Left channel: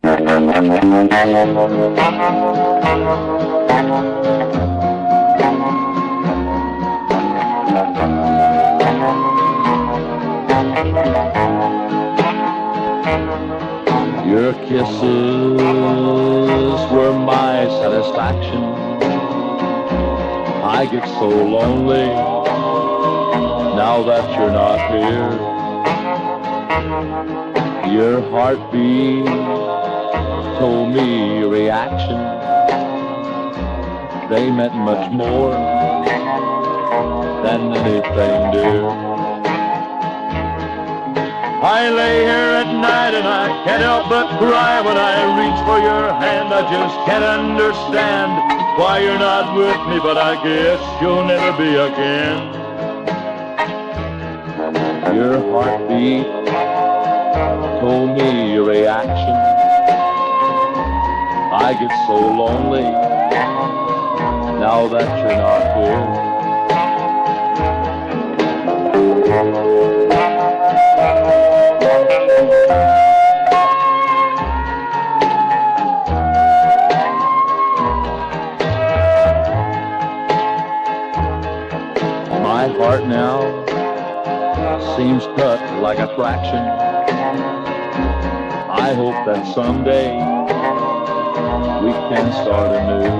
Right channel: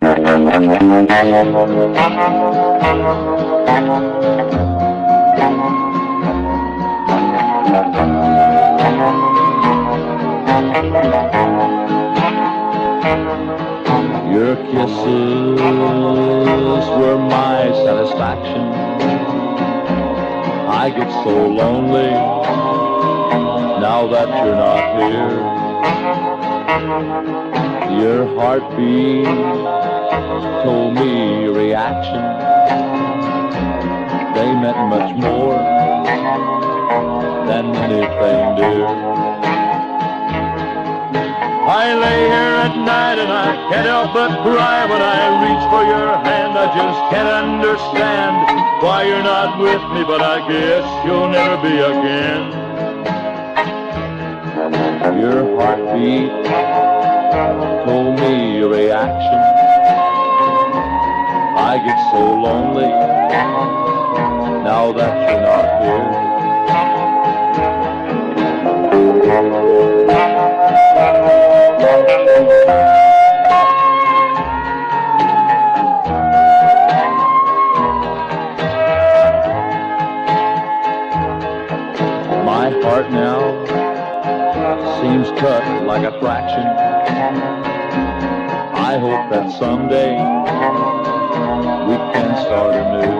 Your kisses were my satisfaction. I get so lonely now that you're not here. Your heartbeat told me your reaction. They meant much more than anything new. I lay here at night and I can't help but cry when I reach for your hand. I just can't understand why you're not with me, but I guess you'll never be again. Your heartbeat told me your reaction. I get so lonely now that you're not here. My heart now seems cut like a fraction. I hope that someday we can start anew.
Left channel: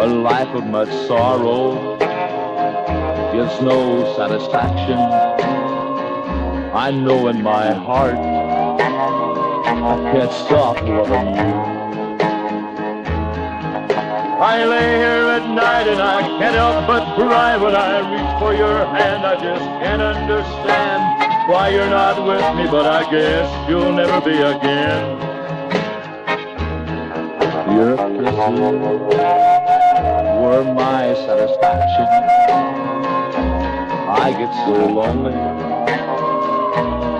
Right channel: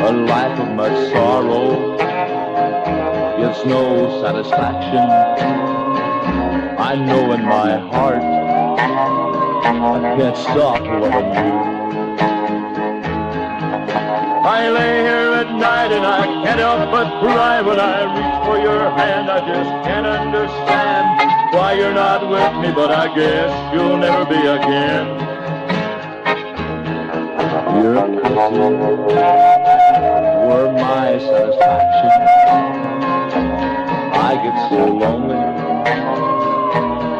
A life of much sorrow gives no satisfaction. I know in my heart I can't stop loving you. I lay here at night and I can't help but cry when I reach for your hand. I just can't understand why you're not with me, but I guess you'll never be again. Your kisses were my satisfaction. I get so lonely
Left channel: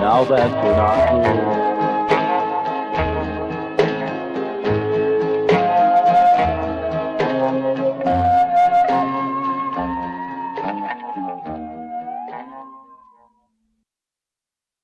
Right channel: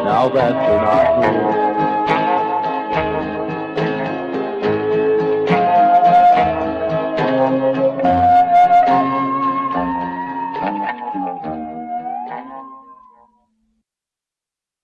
now that you're not here.